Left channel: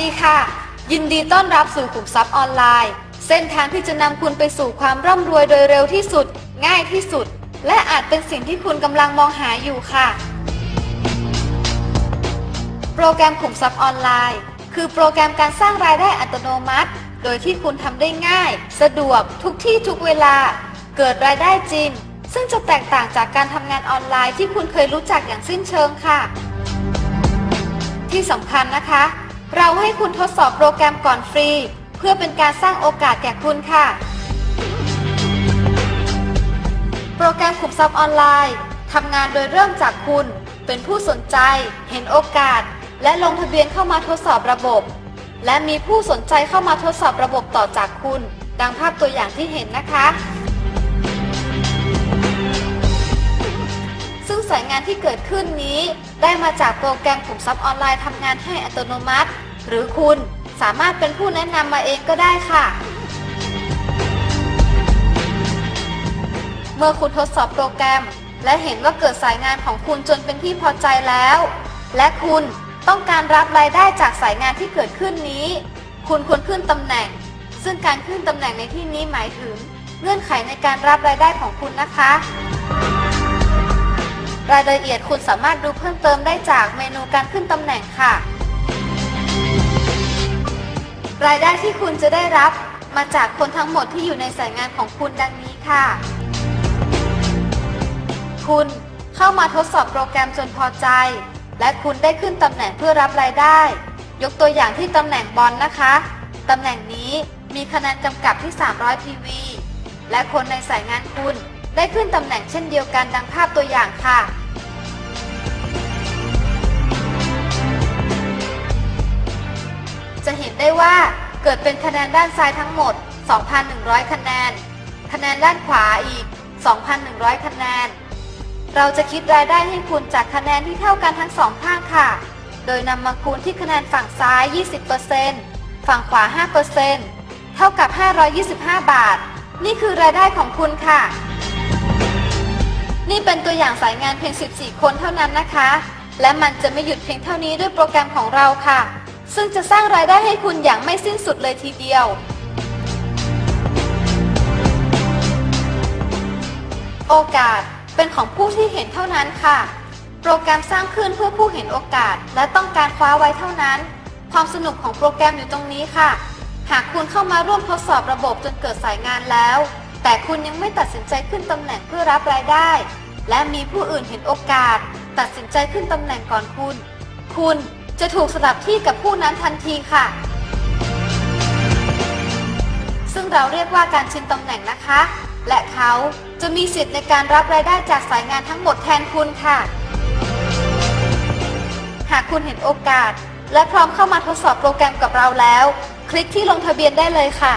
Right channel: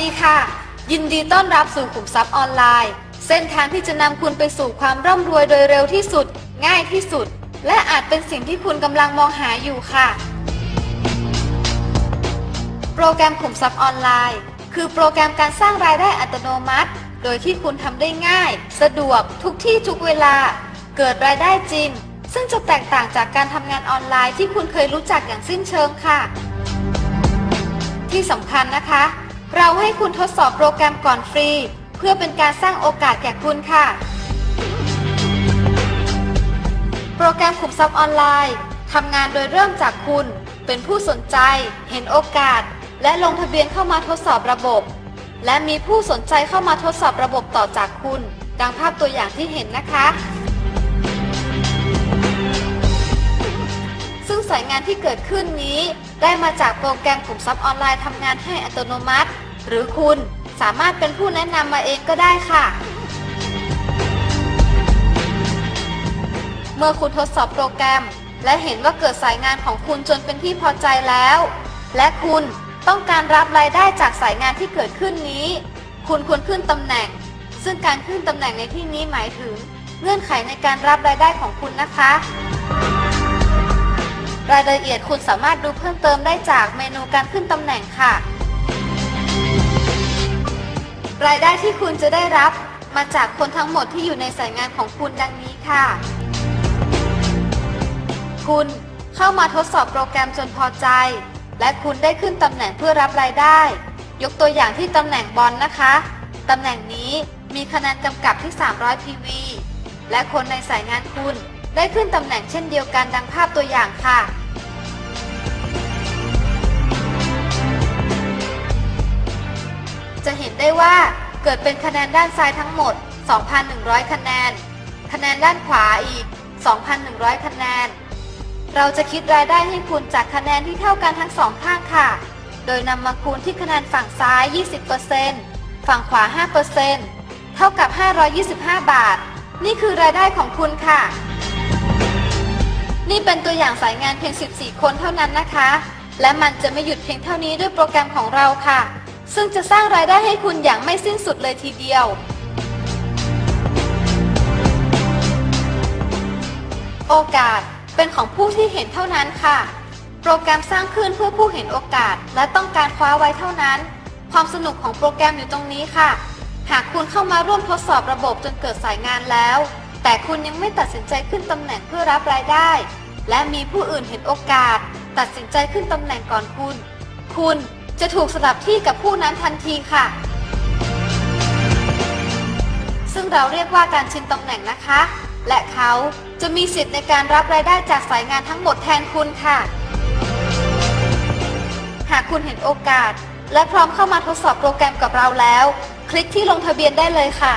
ดีค่ะ ยินดีต้อนรับสู่ขุมทรัพย์ออนไลน์ เส้นทางที่จะนำคุณไปสู่ความร่ำรวยโดยเร็วที่สุด ง่ายที่สุด และอาจเป็นสิ่งที่คุณกำลังมองหาอยู่ค่ะ โปรแกรมขุมทรัพย์ออนไลน์ คือโปรแกรมการสร้างรายได้อัตโนมัติ โดยที่คุณทำได้ง่าย สะดวกทุกที่ทุกเวลา เกิดรายได้จริง ซึ่งจะแตกต่างจากการทำงานออนไลน์ที่คุณเคยรู้จักอย่างสิ้นเชิงค่ะ ที่สำคัญนะคะ เราให้คุณทดสอบโปรแกรมก่อนฟรี เพื่อเป็นการสร้างโอกาสแก่คุณค่ะ โปรแกรมขุมทรัพย์ออนไลน์ทำงานโดยเริ่มจากคุณ เป็นผู้สนใจ เห็นโอกาส และลงทะเบียนเข้ามาทดสอบระบบ และมีผู้สนใจเข้ามาทดสอบระบบต่อจากคุณ ดังภาพตัวอย่างที่เห็นนะคะายงานที่เกิดขึ้นนี้ ได้มาจากโปรแกรมขุมทรัพย์ออนไลน์ทำงานให้อัตโนมัติ หรือคุณสามารถเป็นผู้แนะนำมาเองก็ได้ค่ะ เมื่อคุณทดสอบโปรแกรม และเห็นว่าเกิดสายงานของคุณจนเป็นที่พอใจแล้ว และคุณต้องการรับรายได้จากสายงานที่เกิดขึ้นนี้ คุณควรขึ้นตำแหน่ง ซึ่งการขึ้นตำแหน่งในที่นี้หมายถึง เงื่อนไขในการรับรายได้ของคุณนะคะ รายละเอียดคุณสามารถดูเพิ่มเติมได้จากเมนูการขึ้นตำแหน่งค่ะ รายได้ที่คุณจะได้รับ มาจากคนทั้งหมดที่อยู่ในสายงานของคุณดังนี้ค่ะ คุณเข้ามาทดสอบโปรแกรมจนพอใจ และคุณได้ขึ้นตำแหน่งเพื่อรับรายได้ ยกตัวอย่างที่ตำแหน่งบอลนะคะตำแหน่งนี้มีคะแนนกำกับที่ 300 PV และคนในสายงานคุณ ได้ขึ้นตำแหน่งเช่นเดียวกันดังภาพตัวอย่างค่ะ จะเห็นได้ว่าเกิดเป็นคะแนนด้านซ้ายทั้งหมด 2,100 คะแนน คะแนนด้านขวาอีก 2,100 คะแนน เราจะคิดรายได้ให้คุณจากคะแนนที่เท่ากันทั้งสองข้างค่ะ โดยนำมาคูณที่คะแนนฝั่งซ้าย 20%ฝั่งขวา 5%เท่ากับ 525 บาท นี่คือรายได้ของคุณค่ะ นี่เป็นตัวอย่างสายงานเพียง 14 คนเท่านั้นนะคะ และมันจะไม่หยุดเพียงเท่านี้ด้วยโปรแกรมของเราค่ะ ซึ่งจะสร้างรายได้ให้คุณอย่างไม่สิ้นสุดเลยทีเดียว โอกาสเป็นของผู้ที่เห็นเท่านั้นค่ะ โปรแกรมสร้างขึ้นเพื่อผู้เห็นโอกาส และต้องการคว้าไว้เท่านั้น ความสนุกของโปรแกรมอยู่ตรงนี้ค่ะ หากคุณเข้ามาร่วมทดสอบระบบจนเกิดสายงานแล้ว แต่คุณยังไม่ตัดสินใจขึ้นตำแหน่งเพื่อรับรายได้ และมีผู้อื่นเห็นโอกาส ตัดสินใจขึ้นตำแหน่งก่อนคุณ คุณจะถูกสลับที่กับผู้นั้นทันทีค่ะ ซึ่งเราเรียกว่าการชิงตำแหน่งนะคะ และเขาจะมีสิทธิ์ในการรับรายได้จากสายงานทั้งหมดแทนคุณค่ะ หากคุณเห็นโอกาส และพร้อมเข้ามาทดสอบโปรแกรมกับเราแล้ว คลิกที่ลงทะเบียนได้เลยค่ะ